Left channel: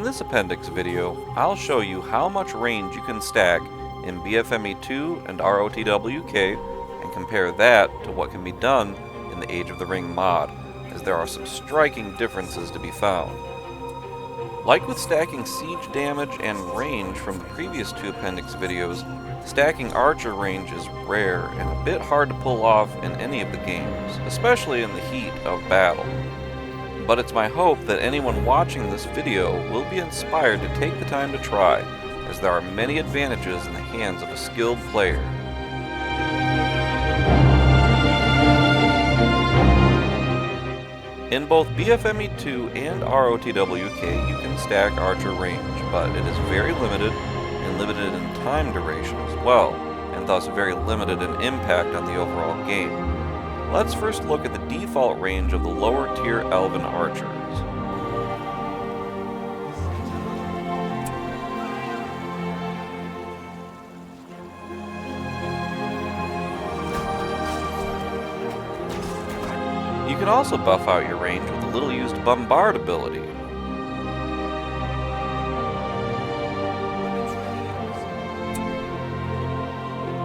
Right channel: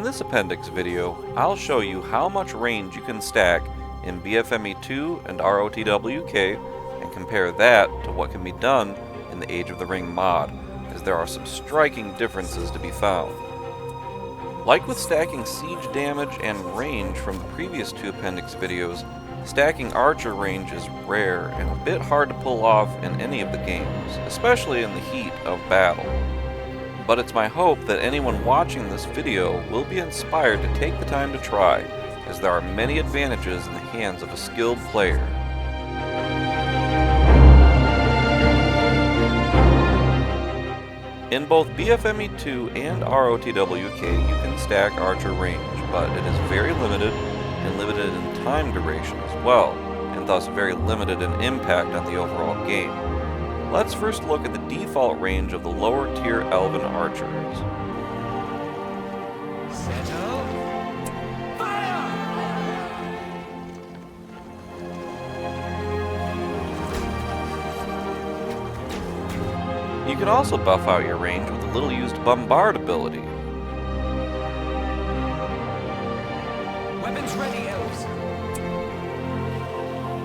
In this appendix video, I'll show you how much range you can stack in BFME2 and ROTWK and compare that to what can be done in the Age of the Ring mod, as there are some striking differences to be found. Like with stacking siege damage and range from the previous two appendix videos, stacking archer range is rare and a bit hard to pull off in any of the games, especially in the heat of battle. But it's my hope that anyone watching this video will be inspired to take the time to try, as there are many advantages in the hands of a skilled player. In both BFME2 and ROTWK, you can stack archer range, but it is very limited and limited in time duration as well, and thus very limited in impact on the overall game. Let's first look at the default range of the lower tier elven archers. You can also buff out your range with the little used bombard ability. Weapons ready, elves.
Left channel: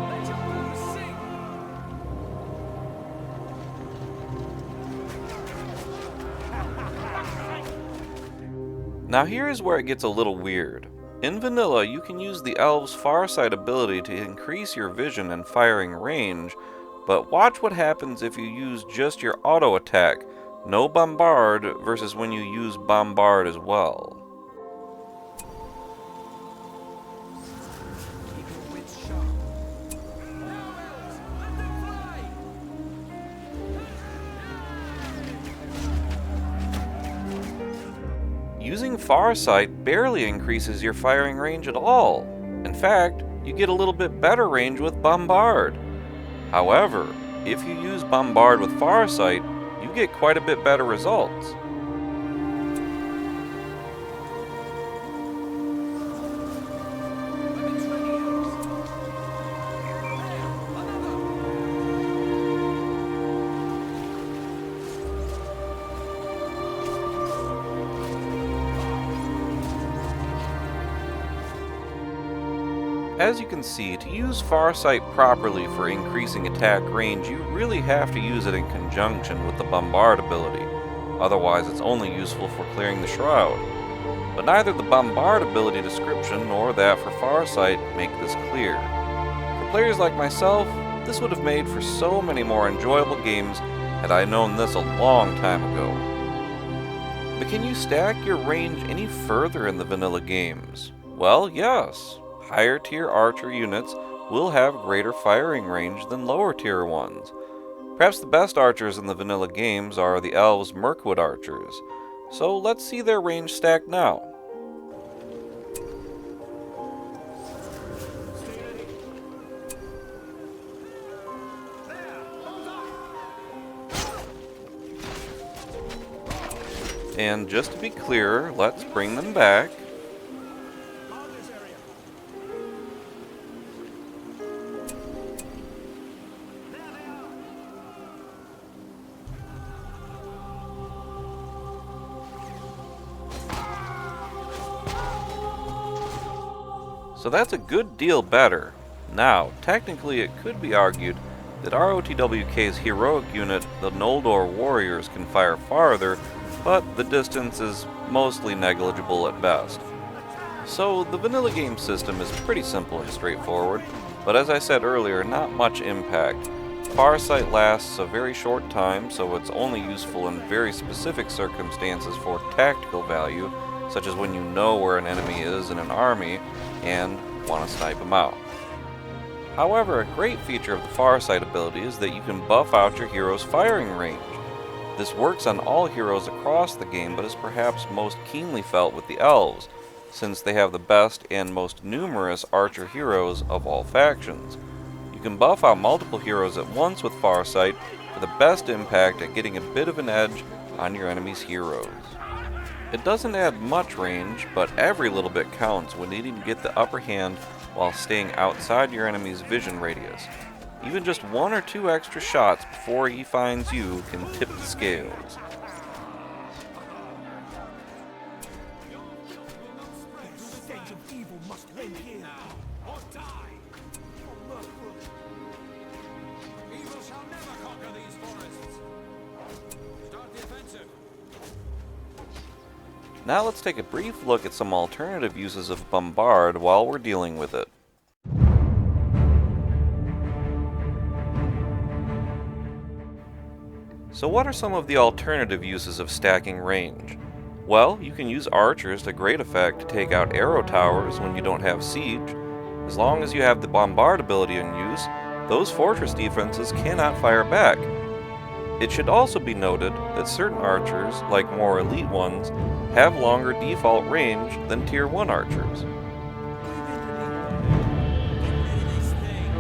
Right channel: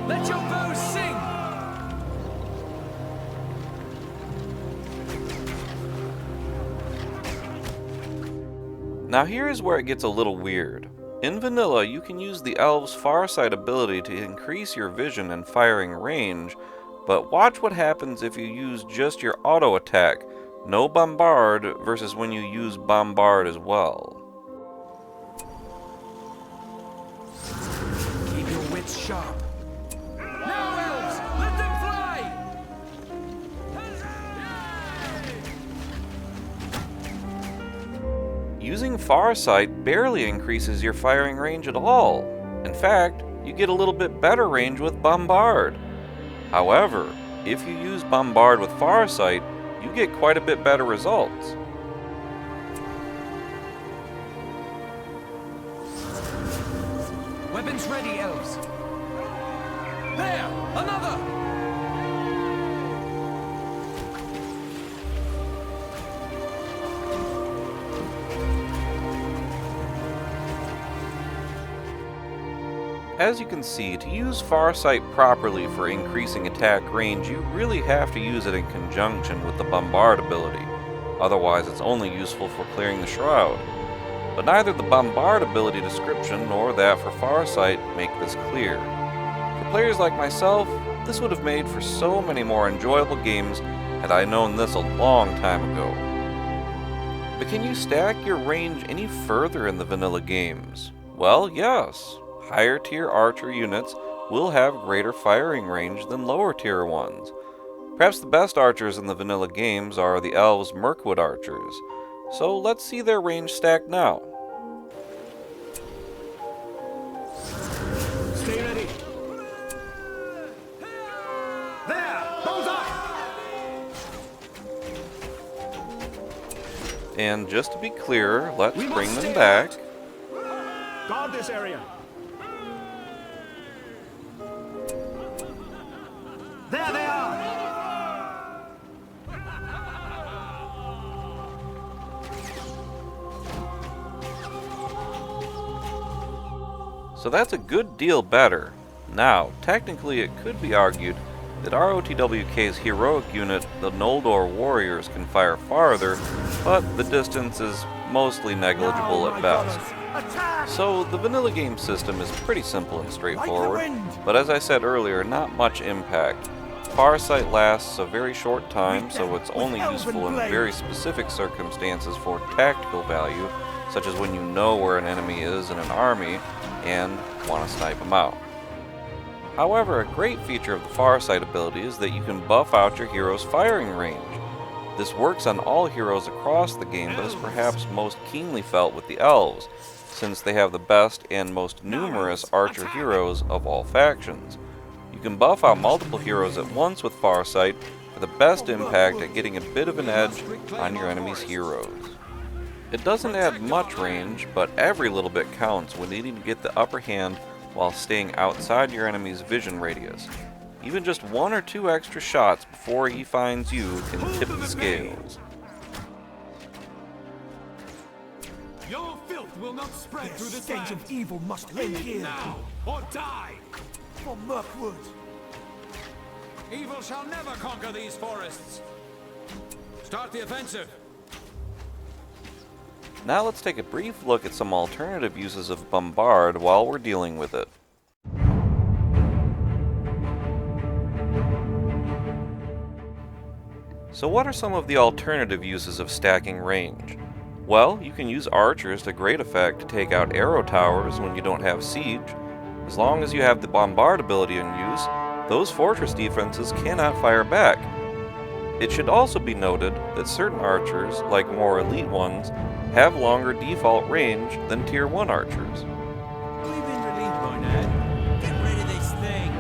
Let your bows sing. Now here is where it gets a little weird. In vanilla, you can use the elves' Farsight ability to increase your vision and firing range, but watch what happens if you use just your auto attack, no bombard, versus when you use bombard as well. Keep your wits sharp. Now, elves, let them fly. Using Farsight barely increases your firing range at all. In fact, you get a little bit better range with bombard. However, if you use bombard with Farsight, you get quite a bit better results. Weapons ready, elves. There, another. As you can see, to use Farsight properly for increasing attack range, you really have to use it in conjunction with the bombard ability. Otherwise, it's only useful for clearing the shroud. But neither the bombard ability description nor that for Farsight make this clear. For players like myself, this would have made for so many more enjoyable games had I known this a long time ago. But can you stack your range any further in the vanilla games? Well, yes. Higher tier archer units will have greater firing range than lower tier ones. Perhaps the best archers in the vanilla games are the elves' Mirkwood archers, so let's see their range stacked now. Stay ready. There, bullseye. And just to be clear, let's bring them back. Guard this area. There they are! So that's a good deal better. Now, technically it could be argued that ROTWK's heroic unit, the Noldor Warriors, can fire farther, but the distance is mostly negligible at best. So the vanilla game system is pretty simple and straightforward, but as I said earlier, not much impact. Farsight lasts a very short time, so it's only useful in very specific circumstances for tactical value, such as when you know where an enemy is in an army and want to snipe them out. However, a great feature of the Farsight ability is that you can buff out your hero's firing range. This works on all heroes across the game, but is perhaps most keenly felt with the elves, since they have the best and most numerous archer heroes of all factions. You can buff out multiple heroes at once with Farsight for the best impact at getting a bit of an edge on your enemy's heroes. It doesn't add much range, but every little bit counts when needing to get the upper hand while staying outside your enemy's vision radius. Even just 1 or 2 extra shots before he finds you can tip the scales. Your filth will revenge of evil must end here. Now, or die! For Mirkwood. Evil shall never conquer these forests. Start the offensive. Now let's take a brief look at some alternative uses of bombard while we're dealing with it. So what are some of the alternative uses of stacking range? Well, you can use archers to great effect to take out arrow towers when you don't have siege. As long as you have the bombard ability in use, those fortress defenses cannot fire back. It should also be noted that certain archers, like more elite ones, have longer default range than tier 1 archers. We've been relieved by now. Get rid of this thing.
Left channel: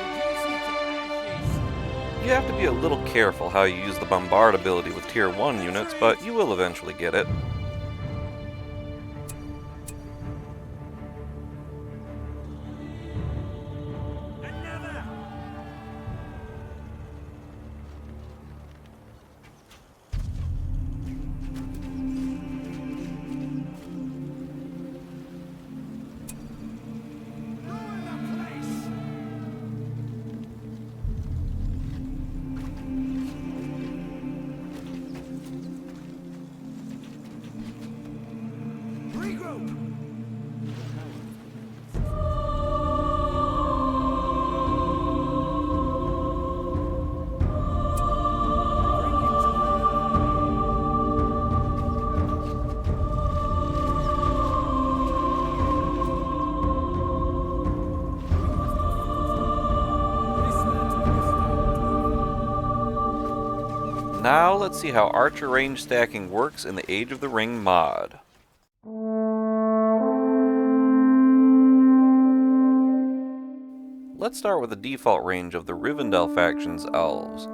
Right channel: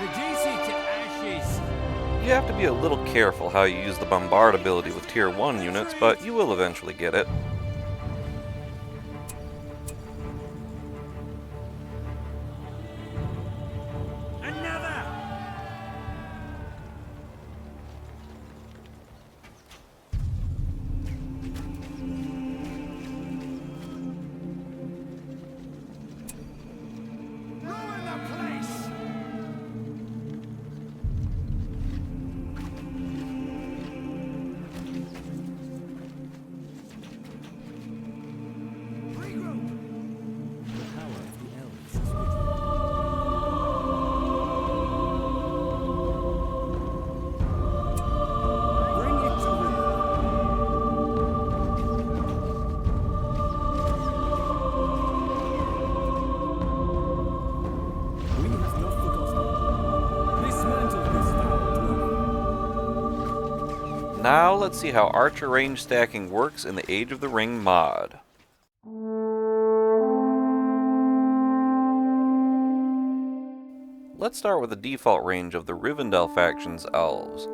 Reduce it to ashes. You have to be a little careful how you use the bombard ability with tier 1 units, but you will eventually get it. Another. Ruin the place. Regroup. Bring it to rear. We have not forgotten. Dismantle this foul dwelling. Now let's see how archer range stacking works in the Age of the Ring mod. Let's start with the default range of the Rivendell faction's elves.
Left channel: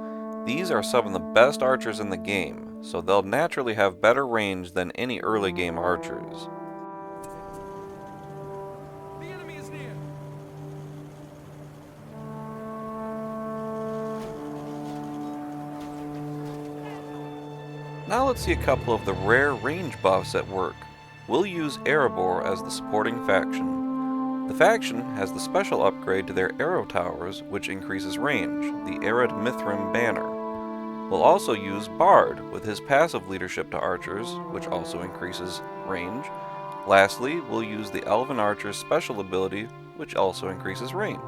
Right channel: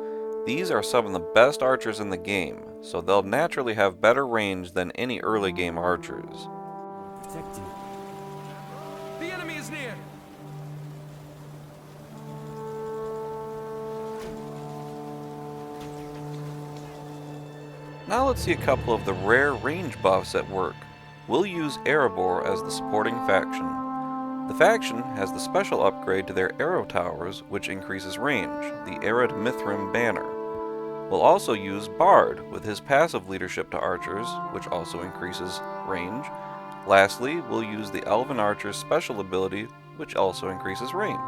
These are some of the best archers in the game, so they'll naturally have better range than any early game archers. Protected. The enemy is near. Now let's see a couple of the rare range buffs at work. We'll use Erebor as the supporting faction. The faction has the special upgrade to their arrow towers, which increases range, the Arid Mithrim banner. We'll also use Bard with his passive leadership to archers, which also increases range. Lastly, we'll use the Elven Archer's special ability, which also increases range.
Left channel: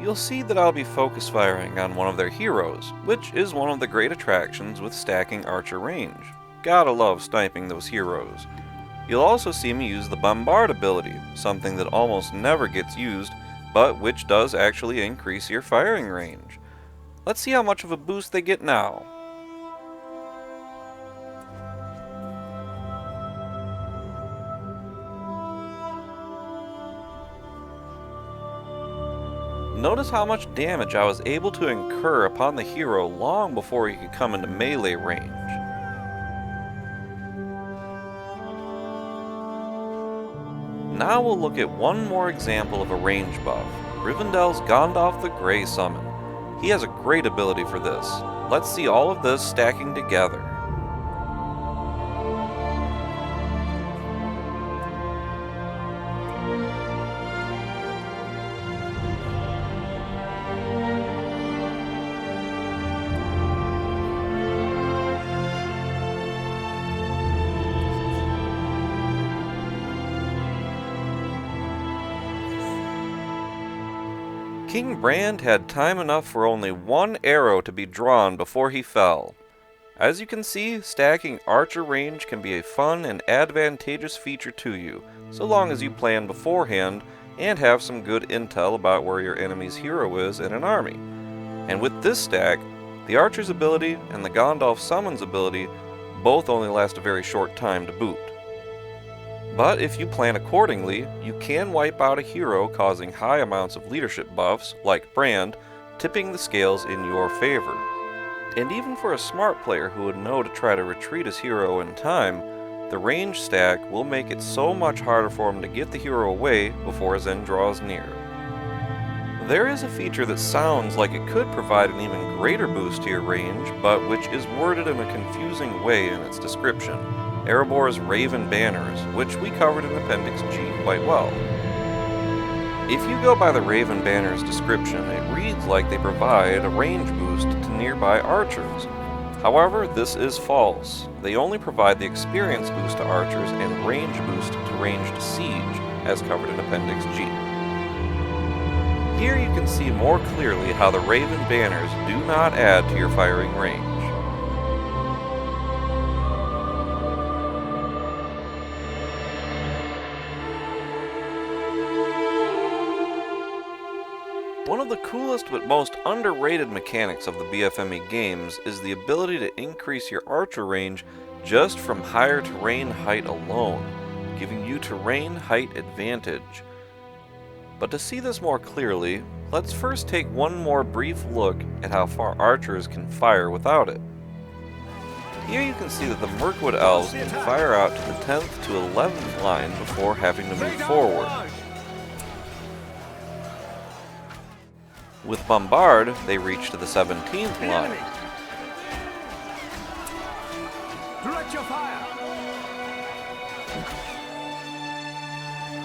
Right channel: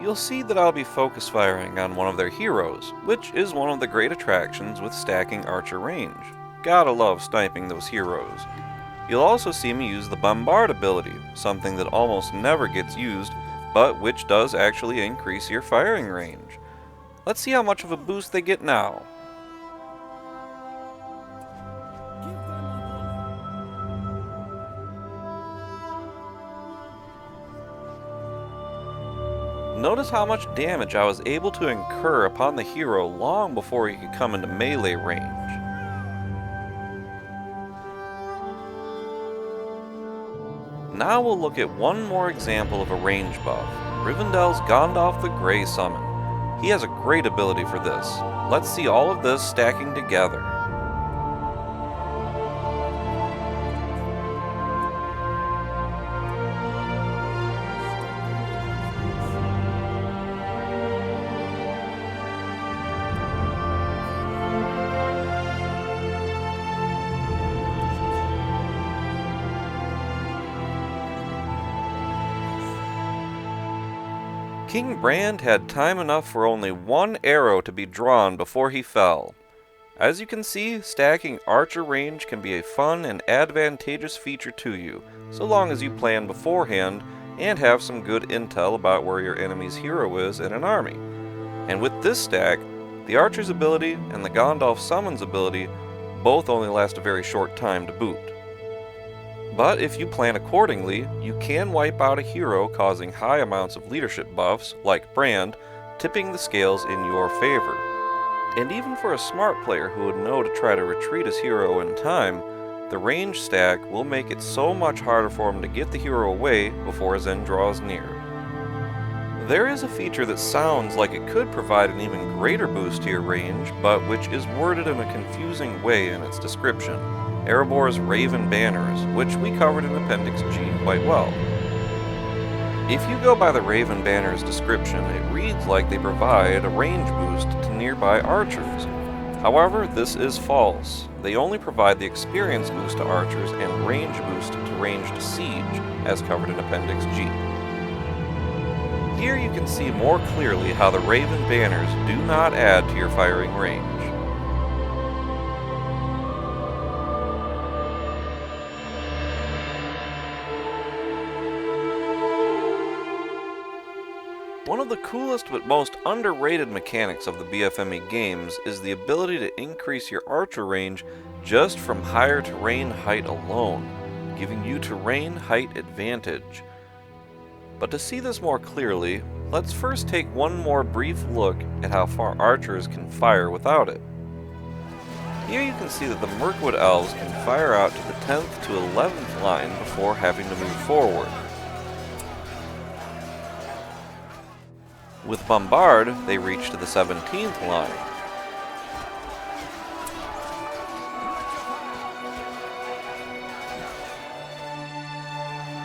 You'll see that I'll be focus firing on one of their heroes, which is one of the great attractions with stacking archer range. Gotta love sniping those heroes. You'll also see me use the bombard ability, something that almost never gets used, but which does actually increase your firing range. Let's see how much of a boost they get now. Notice how much damage I was able to incur upon the hero long before he could come into melee range. Now we'll look at one more example of a range buff, Rivendell's Gandalf the Grey summon. He has a great ability for this. Let's see all of this stacking together. King Brand had time enough for only one arrow to be drawn before he fell. As you can see, stacking archer range can be a fun and advantageous feature to you, so long as you plan beforehand and have some good intel about where your enemy's hero is in an army. And with this stack, the archer's ability and the Gandalf summons ability both only last a very short time to boot. But if you plan accordingly, you can wipe out a hero causing high amounts of leadership buffs, like Brand, tipping the scales in your favor. And even for a smart player who would know to try to retreat his hero in time, the range stack will make it so much harder for him to get the hero away before his end draws near. There is a feature that sounds like it could provide an even greater boost to your range, but which is worded in a confusing way in its description. Erebor's Raven Banners, which we covered in Appendix G quite well. If you go by the Raven Banners description, it reads like they provide a range boost to nearby archers. However, this is false. They only provide the experience boost to archers and range boost to ranged siege, as covered in Appendix G. Here you can see more clearly how the Raven Banners do not add to your firing range. One of the coolest but most underrated mechanics of the BFME games is the ability to increase your archer range just from higher terrain height alone, giving you terrain height advantage. But to see this more clearly, let's first take one more brief look at how far archers can fire without it. Here you can see that the Mirkwood Elves can fire out to the 10th to 11th line before having to move forward. With Bombard, they reach to the 17th line.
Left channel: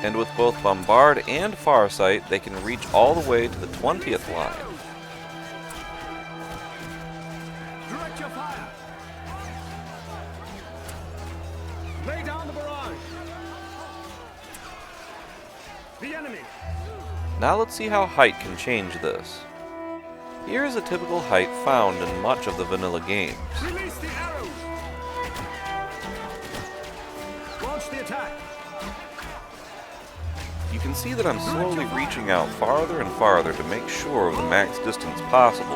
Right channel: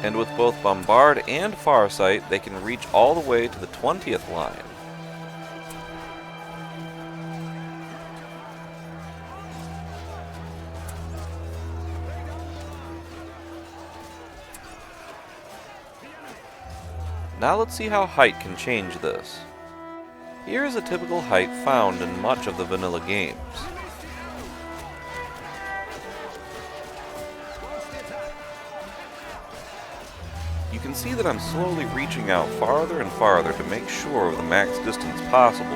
And with both Bombard and Farsight, they can reach all the way to the 20th line. Now let's see how height can change this. Here is a typical height found in much of the vanilla games. You can see that I'm slowly reaching out farther and farther to make sure of the max distance possible.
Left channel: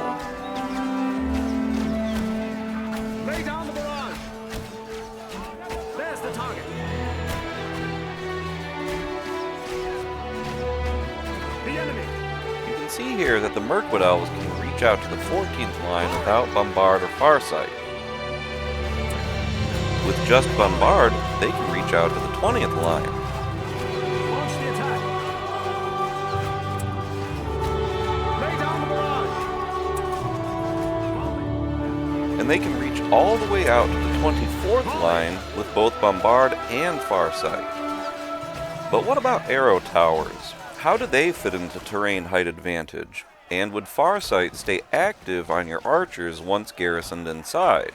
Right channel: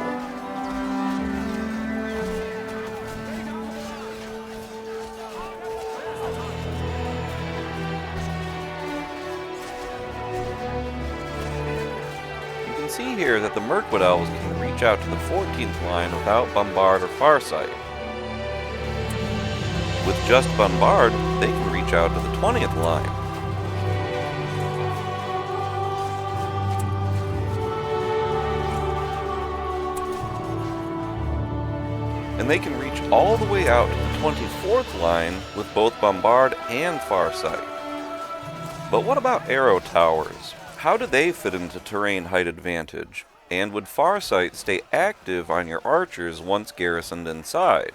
You can see here that the Mirkwood Elves can reach out to the 14th line without Bombard or Farsight. With just Bombard, they can reach out to the 20th line. And they can reach all the way out to the 24th line with both Bombard and Farsight. But what about arrow towers? How do they fit into terrain height advantage? And would Farsight stay active on your archers once garrisoned inside?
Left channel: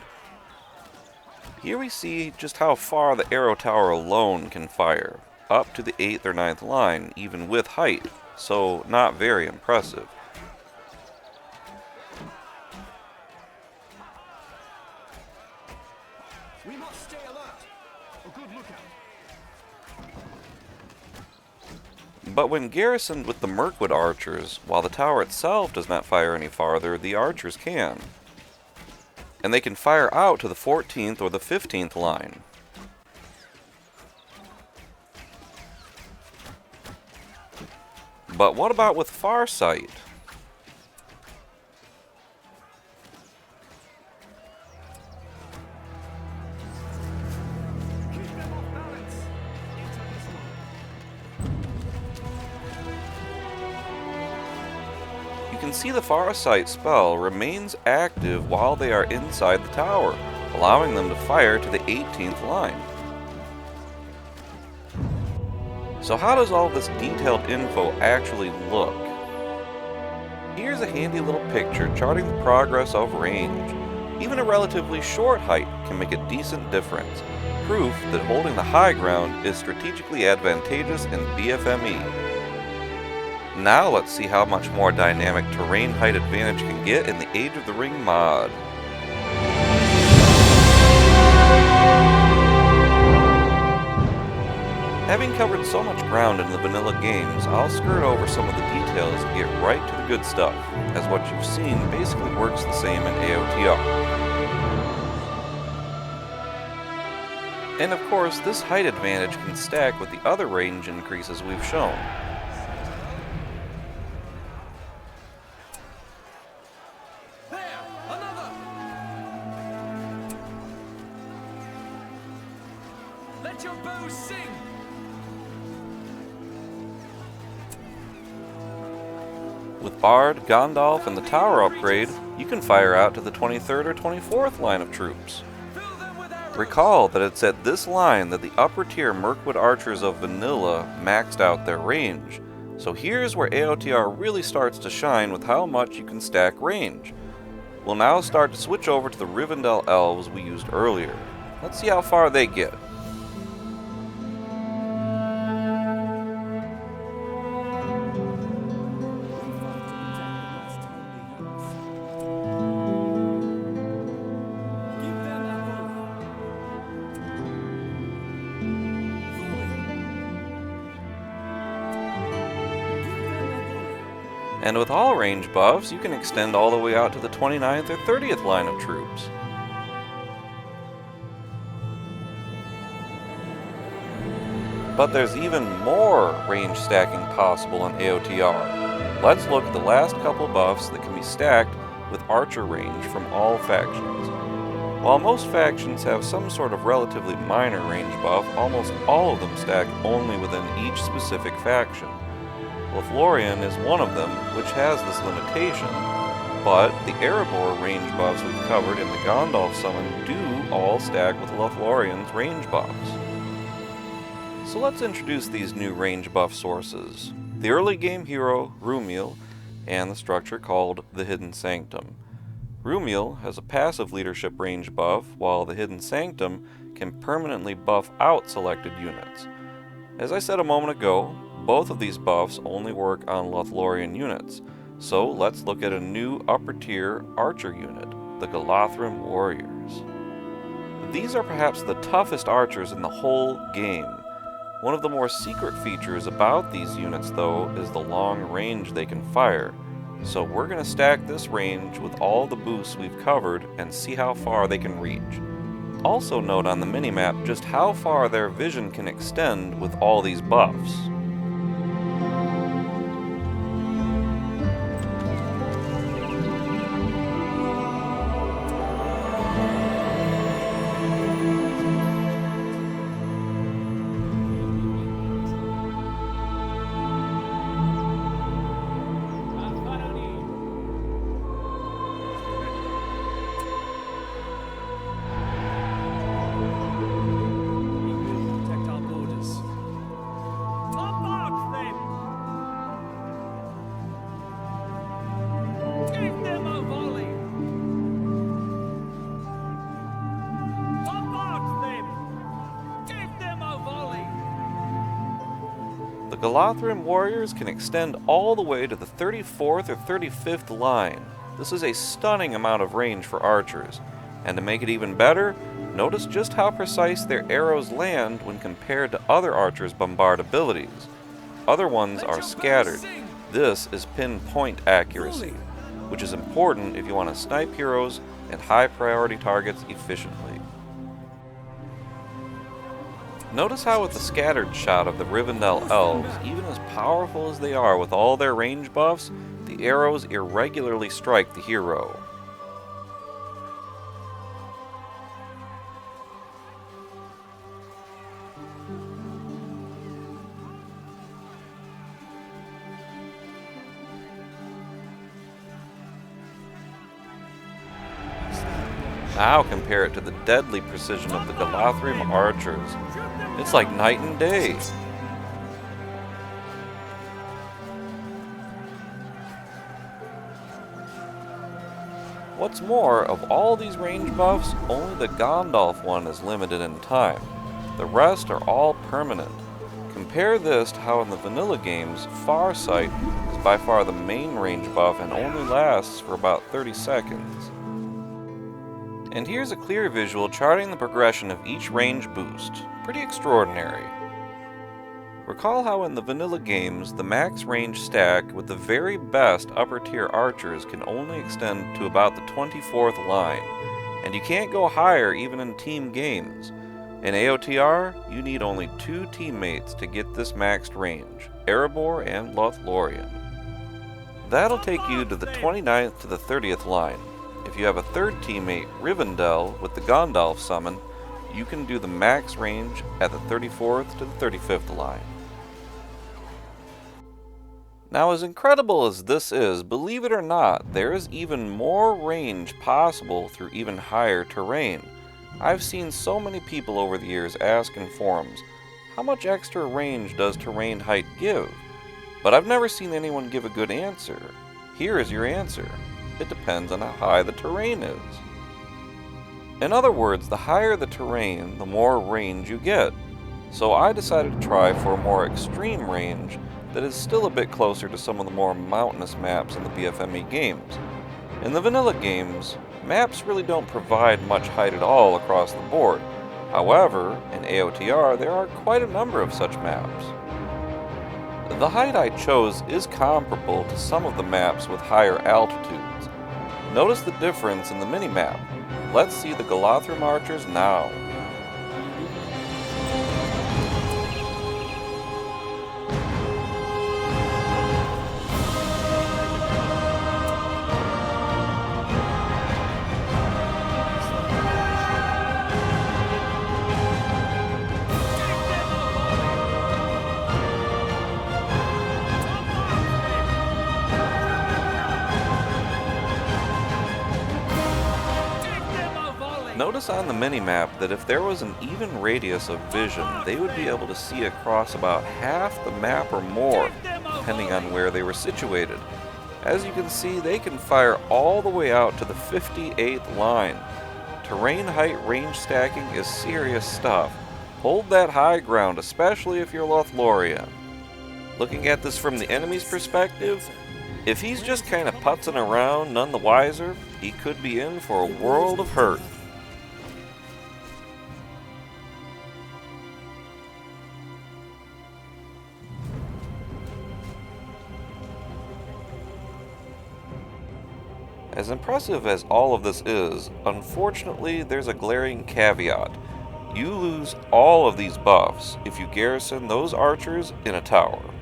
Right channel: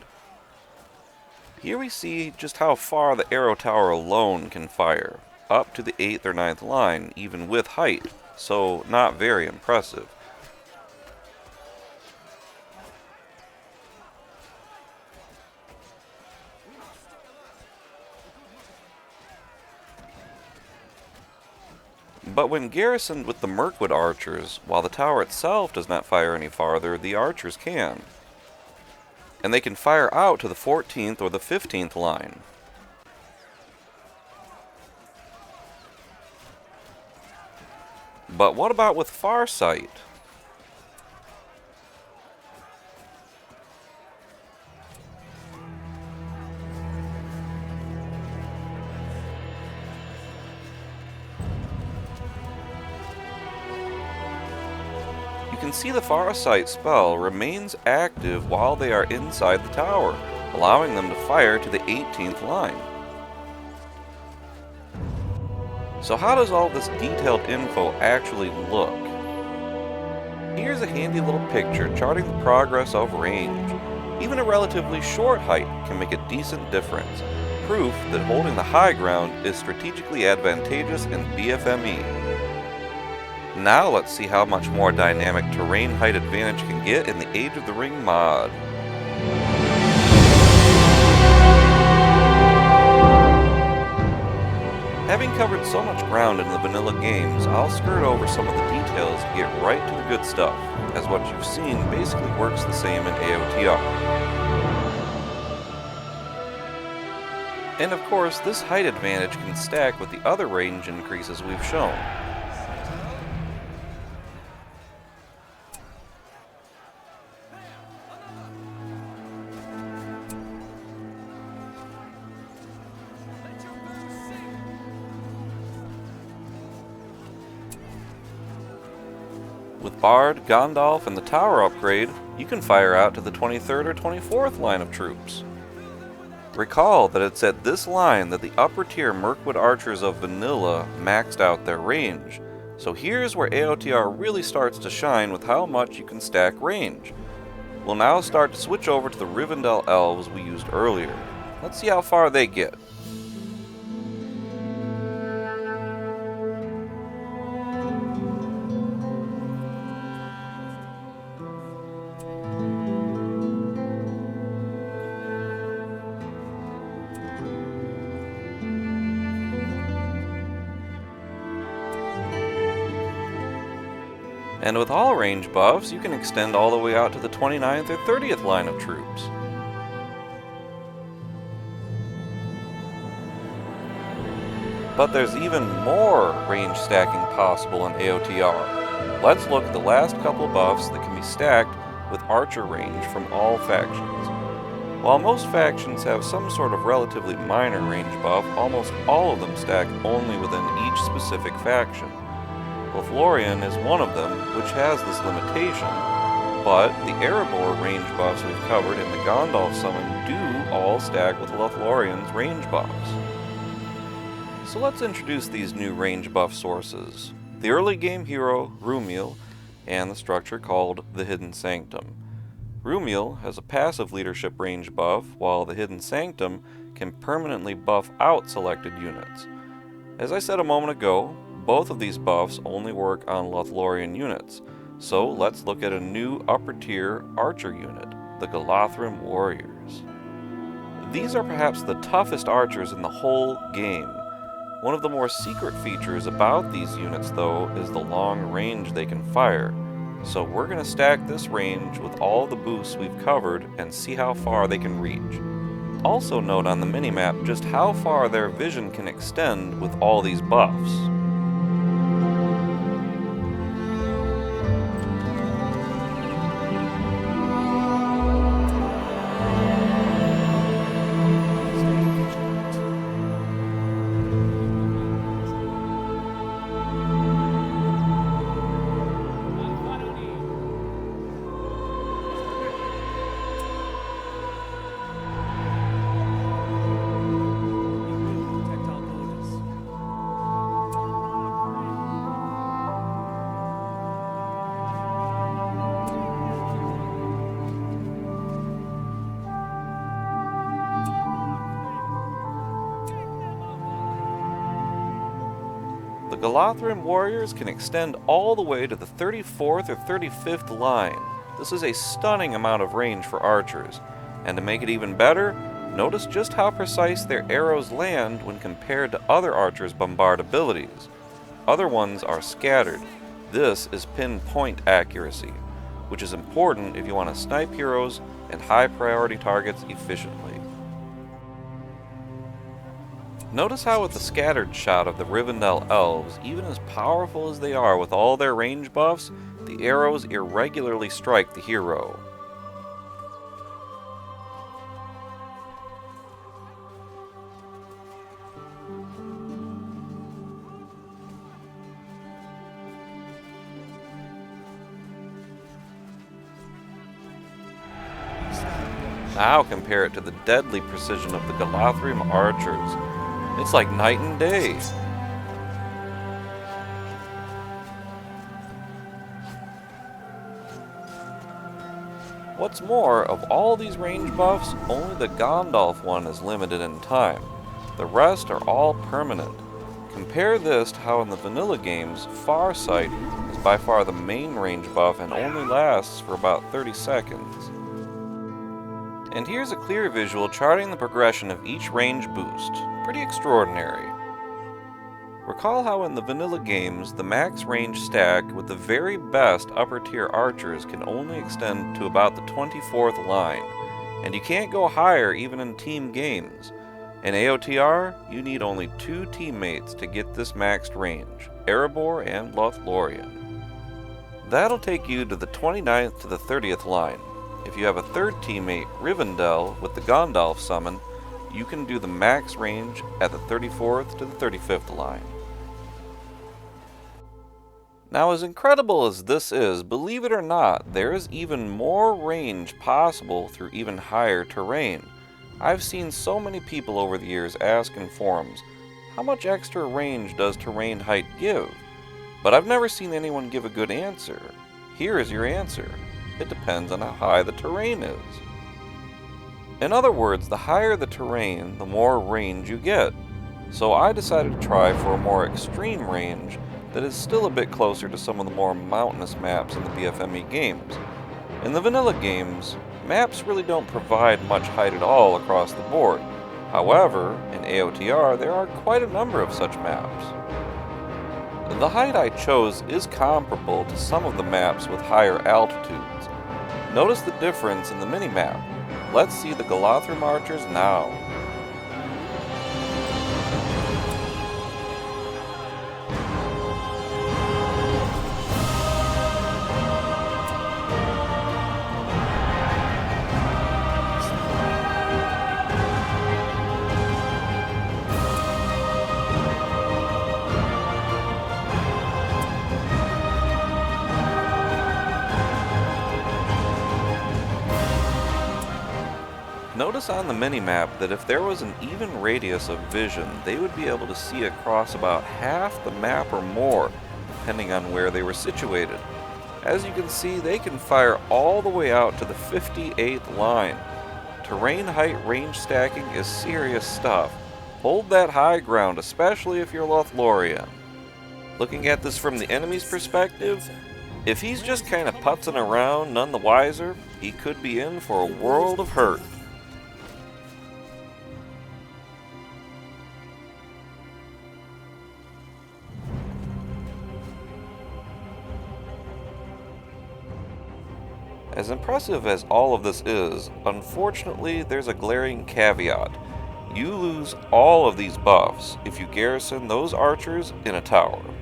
Here we see just how far the arrow tower alone can fire, up to the 8th or 9th line, even with height, so not very impressive. But when garrisoned with the Mirkwood archers, while the tower itself does not fire any farther, the archers can. And they can fire out to the 14th or the 15th line. But what about with Farsight? You can see the Farsight spell remains active while they are inside the tower, allowing them to fire to the 18th line. So how does all this detailed info actually look? Here's a handy little picture charting the progress of range. Even a relatively short height can make a decent difference, proof that holding the high ground is strategically advantageous in BFME. Now let's see how much more dynamic terrain height advantage can get in the Age of the Ring mod. Having covered so much ground in the vanilla games, I'll skirt over some of the details to get right to the good stuff, as what you've seen basically works the same in AOTR. And of course, this height advantage can stack with the other range increases we've shown. Let your bow sing! With Bard, Gandalf, and the tower upgrade, you can fire out to the 23rd or 24th line of troops. Recall that it's at this line that the upper tier Mirkwood archers of Vanilla maxed out their range, so here's where AOTR really starts to shine with how much you can stack range. We'll now start to switch over to the Rivendell elves we used earlier. Let's see how far they get. And with all range buffs, you can extend all the way out to the 29th or 30th line of troops. But there's even more range stacking possible in AOTR. Let's look at the last couple buffs that can be stacked with archer range from all factions. While most factions have some sort of relatively minor range buff, almost all of them stack only within each specific faction. LOTHLORIAN is one of them, which has this limitation, but the Erebor range buffs we've covered in the Gandalf summon do all stack with LOTHLORIAN's range buffs. So let's introduce these new range buff sources. The early game hero, Rhumiel, and the structure called the Hidden Sanctum. Rhumiel has a passive leadership range buff, while the Hidden Sanctum can permanently buff out selected units. As I said a moment ago, both of these buffs only work on LOTHLORIAN units, so let's look at a new upper tier archer unit, the Galathrim Warriors. These are perhaps the toughest archers in the whole game. One of the more secret features about these units, though, is the long range they can fire, so we're going to stack this range with all the boosts we've covered and see how far they can reach. Also note on the minimap just how far their vision can extend with all these buffs. The Galathrim Warriors can extend all the way to the 34th or 35th line. This is a stunning amount of range for archers, and to make it even better, notice just how precise their arrows land when compared to other archers' bombard abilities. Other ones are scattered. This is pinpoint accuracy, which is important if you want to snipe heroes and high priority targets efficiently. Notice how with the scattered shot of the Rivendell elves, even as powerful as they are with all their range buffs, the arrows irregularly strike the hero. Now compare it to the deadly precision of the Galathrim archers. It's like night and day. What's more, of all these range buffs, only the Gandalf one is limited in time. The rest are all permanent. Compare this to how in the vanilla games, Farsight is by far the main range buff and only lasts for about 30 seconds. And here's a clear visual charting the progression of each range boost. Pretty extraordinary. Recall how in the vanilla games, the max range stack with the very best upper tier archers can only extend to about the 24th line, and you can't go higher even in team games. In AOTR, you need only 2 teammates to get this maxed range, Erebor and LOTHLORIAN. That'll take you to the 29th to the 30th line. If you have a third teammate, Rivendell, with the Gandalf summon, you can do the max range at the 34th to the 35th line. Now, as incredible as this is, believe it or not, there is even more range possible through even higher terrain. I've seen so many people over the years ask in forums, how much extra range does terrain height give? But I've never seen anyone give a good answer. Here is your answer. It depends on how high the terrain is. In other words, the higher the terrain, the more range you get. So I decided to try for a more extreme range that is still a bit closer to some of the more mountainous maps in the BFME games. In the vanilla games, maps really don't provide much height at all across the board. However, in AOTR there are quite a number of such maps. The height I chose is comparable to some of the maps with higher altitudes. Notice the difference in the minimap. Let's see the Golothrim archers now. Notice on the minimap that if there was an even radius of vision, they would be able to see across about half the map or more, depending on where they were situated. As you can see, they can fire all the way out to the 58th line. Terrain height range stacking is serious stuff. Hold that high ground, especially if you're Lothlorien. Looking at this from the enemy's perspective, if he's just kind of putzing around, none the wiser, he could be in for a world of hurt. As impressive as all of this is, unfortunately there's a glaring caveat. You lose all of these buffs if you garrison those archers in a tower.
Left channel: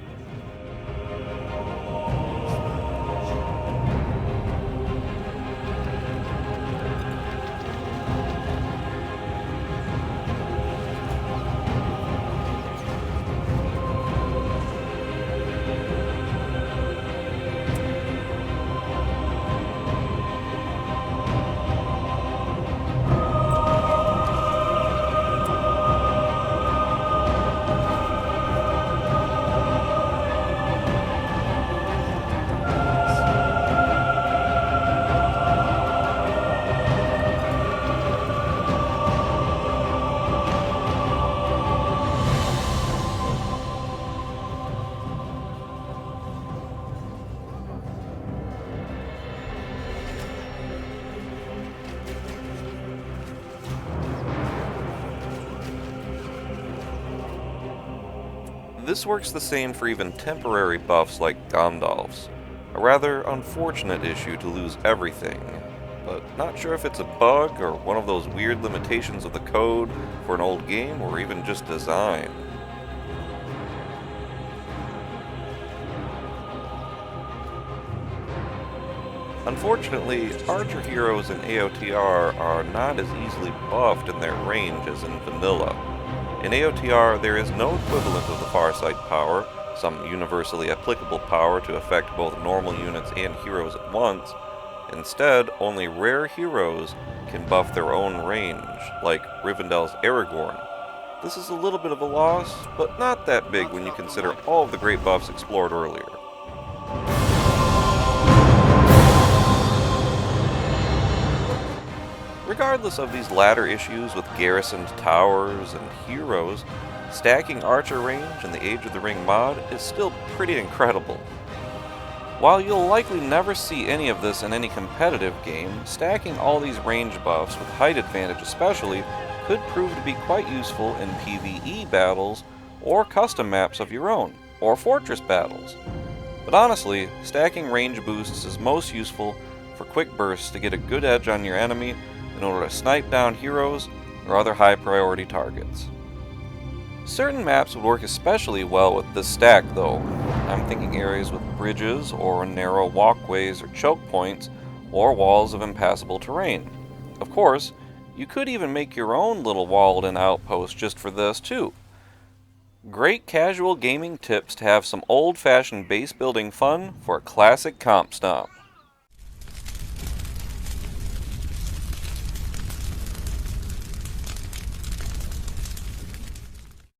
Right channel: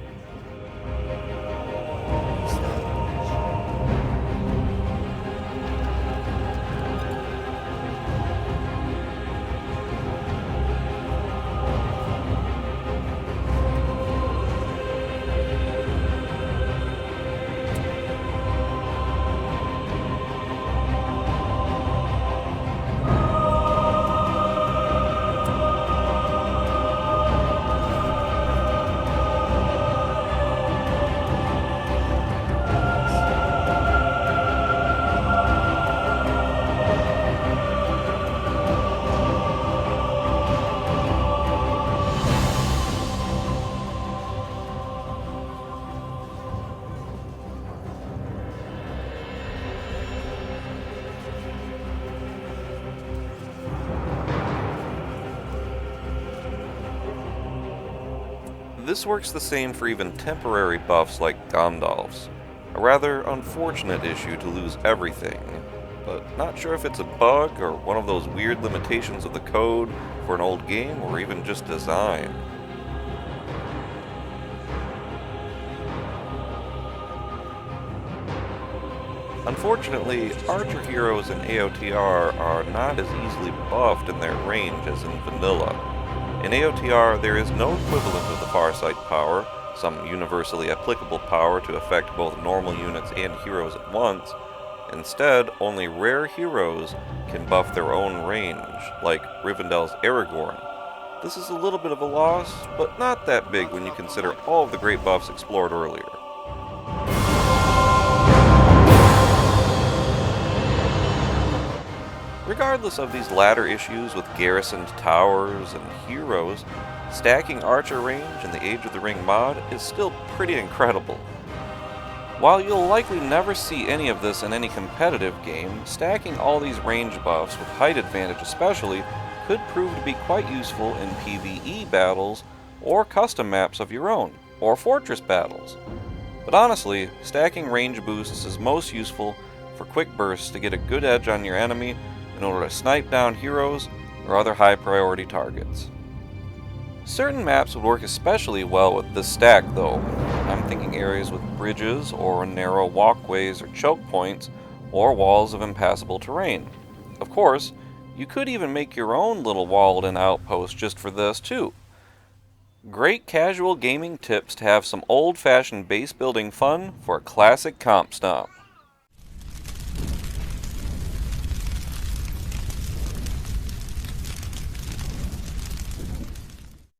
This works the same for even temporary buffs like Gandalf's. A rather unfortunate issue to lose everything, but not sure if it's a bug or one of those weird limitations of the code for an old game or even just design. Unfortunately, archer heroes in AOTR are not as easily buffed in their range as in vanilla. In AOTR, there is no equivalent of the Farsight power, some universally applicable power to affect both normal units and heroes at once. Instead, only rare heroes can buff their own range, like Rivendell's Aragorn. This is a little bit of a loss, but not that big when you consider all of the great buffs explored earlier. Regardless of these latter issues with garrisoned towers and heroes, stacking archer range in the Age of the Ring mod is still pretty incredible. While you'll likely never see any of this in any competitive game, stacking all these range buffs with height advantage especially could prove to be quite useful in PvE battles or custom maps of your own, or fortress battles. But honestly, stacking range boosts is most useful for quick bursts to get a good edge on your enemy in order to snipe down heroes or other high priority targets. Certain maps would work especially well with this stack though. I'm thinking areas with bridges or narrow walkways or choke points or walls of impassable terrain. Of course, You could even make your own little walled-in outpost just for this, too. Great casual gaming tips to have some old-fashioned base-building fun for a classic comp stomp.